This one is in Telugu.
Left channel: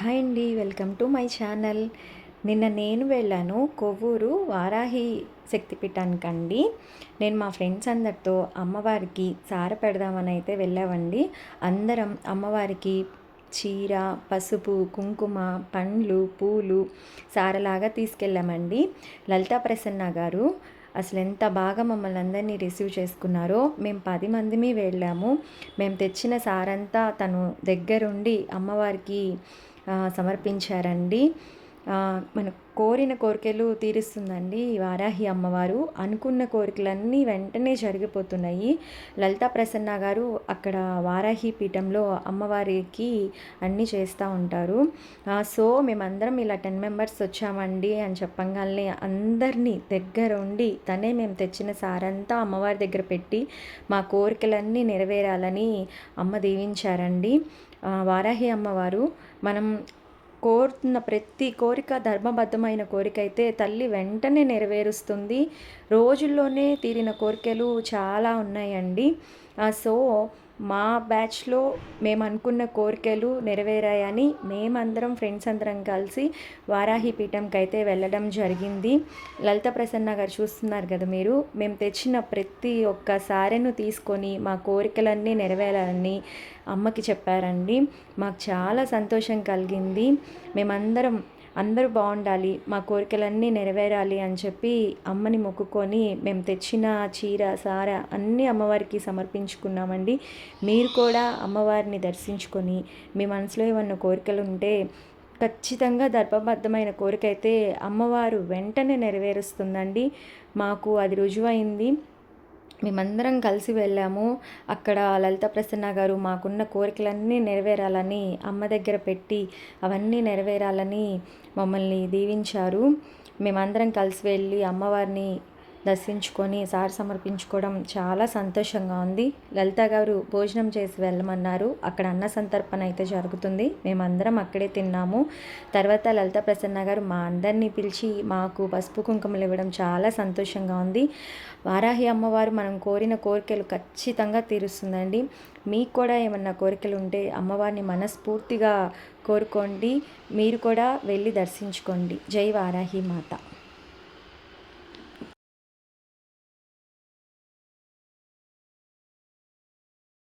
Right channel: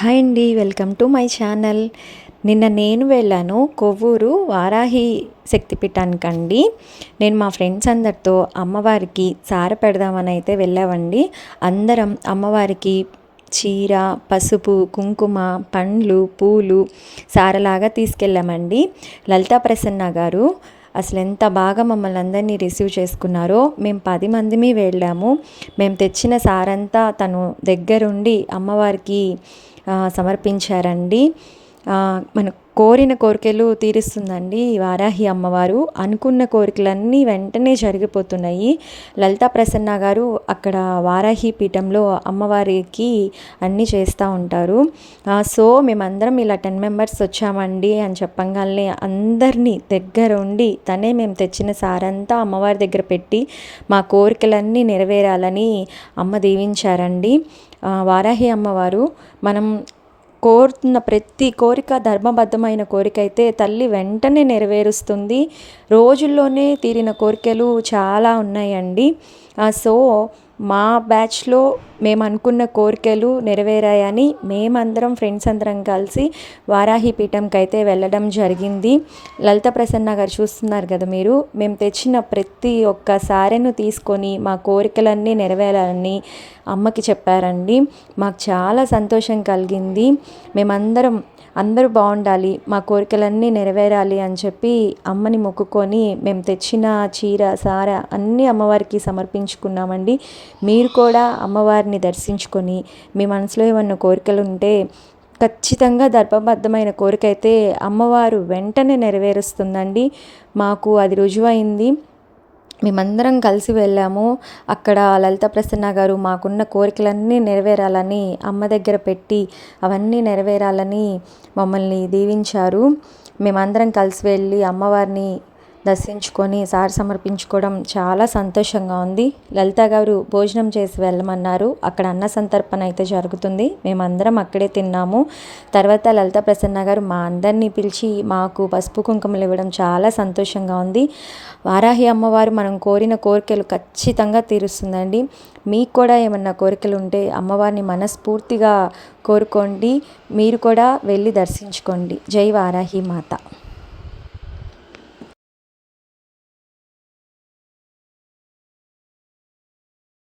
హాయ్ అండి వెల్కమ్ టు మై ఛానల్. నిన్న నేను వెళ్ళాను కొవ్వూరు వారాహి శక్తిపీఠానికండి. నేను మా ఫ్రెండ్స్ అందరితో అమ్మవారికి సార పెడదామని అయితే వెళ్ళామండి. అందరం అమ్మవారికి చీర పసుపు కుంకుమ పండ్లు పూలు సారలాగా తీసుకెళ్ళామండి. లలితా ప్రసన్న గారు అసలు ఎంత బాగా మమ్మల్ని అందరినీ రిసీవ్ చేసుకున్నారో మేము పది మందిమి వెళ్ళాము. మేము తెచ్చిన సారంతా తను దగ్గరుండి అమ్మవారికి సమర్పించారండి. మన కోరిన కోరికలు తీరుస్తుందండి వారాహి అమ్మవారు. అనుకున్న కోరికలన్నీ వెంటనే జరిగిపోతున్నాయి. లలితా ప్రసన్న గారు అక్కడ వారాహి పీఠంలో అమ్మవారికి అన్నీ చేస్తూ ఉంటారు. సో మేమందరం ఇలా టెన్ మెంబర్స్ వచ్చామండి అని చెప్పంగానే అందరినీ దగ్గర ఉండి తనే మేము తెచ్చిన సారంతా అమ్మవారి దగ్గర పెట్టి మా కోరికలన్నీ నెరవేరాలని అమ్మ దీవించారండి. వారాహి అమ్మవారు మనం కోరుతున్న ప్రతి కోరిక ధర్మబద్ధమైన కోరిక అయితే తల్లి వెంటనే నెరవేరుస్తుంది. రోజుల్లోనే తీరిన కోరికలు చాలా ఉన్నాయండి. సో మా బ్యాచ్లో మేము అనుకున్న కోరికలు నెరవేరాయని మేమందరం ఫ్రెండ్స్ అందరం కలిసి వారాహి పీఠంకి అయితే వెళ్ళడం జరిగింది. లలిత ప్రసన్న గారు చూస్తున్నారు కదా మీరు మేము తెచ్చిన ప్రతి ఒక్క సారెను తీసుకొని మా కోరికలన్నీ నెరవేరాలని అమ్మకి చెప్పారండి. మాకు చాలా సంతోషం కలిగింది. మేమందరం అందరూ బాగుండాలి మా కోరికలన్నీ నెరవేరాలి అని చెప్పి అమ్మని మొక్కుకొని మేము తెచ్చిన చీర సార అన్నీ అమ్మవారికి సమర్పించుకున్నామండి. మీరు కూడా అమ్మవారిని దర్శించుకొని మీ మనసులో ఏమన్నా కోరికలు ఉంటే ఖచ్చితంగా దర్భబద్ధమైన కోరిక అయితే అమ్మవారు వెంటనే నెరవేరుస్తుందండి. మాకు అది రుజువైంది. మేమందరం కలిసి వెళ్ళాము. అక్కడ లలిత ప్రసన్న గారు మాకున్న కోరికలన్నీ నెరవేరాలని అమ్మ దగ్గర పెట్టి అవన్నీ నెరవేరాలని మమ్మల్ని దీవించారు. మేమందరం కలిసి వెళ్ళి అమ్మవారిని దర్శించుకొని సారి సమర్పించుకోవడం చాలా సంతోషంగా ఉంది. లలిత గారు భోజనం చేసి వెళ్ళమన్నారు. అక్కడ అన్న సంతర్పణ అయితే జరుగుతుంది. మేమందరం అక్కడే తిన్నాము. తర్వాత లలిత ప్రసన్న గారు మా అందరినీ పిలిచి మాకు పసుపు కుంకుమలు ఇవ్వడం చాలా సంతోషంగా ఉంది. వారాహి అమ్మవారు మనం కోరిన కోరికలు ఖచ్చితంగా తీరుస్తుందండి. మీకు కూడా ఏమన్నా కోరికలు ఉంటే అమ్మవారిని మనస్ఫూర్తిగా కోరుకోండి. మీరు కూడా వెళ్ళి దర్శించుకోండి. జై వారాహి మాత.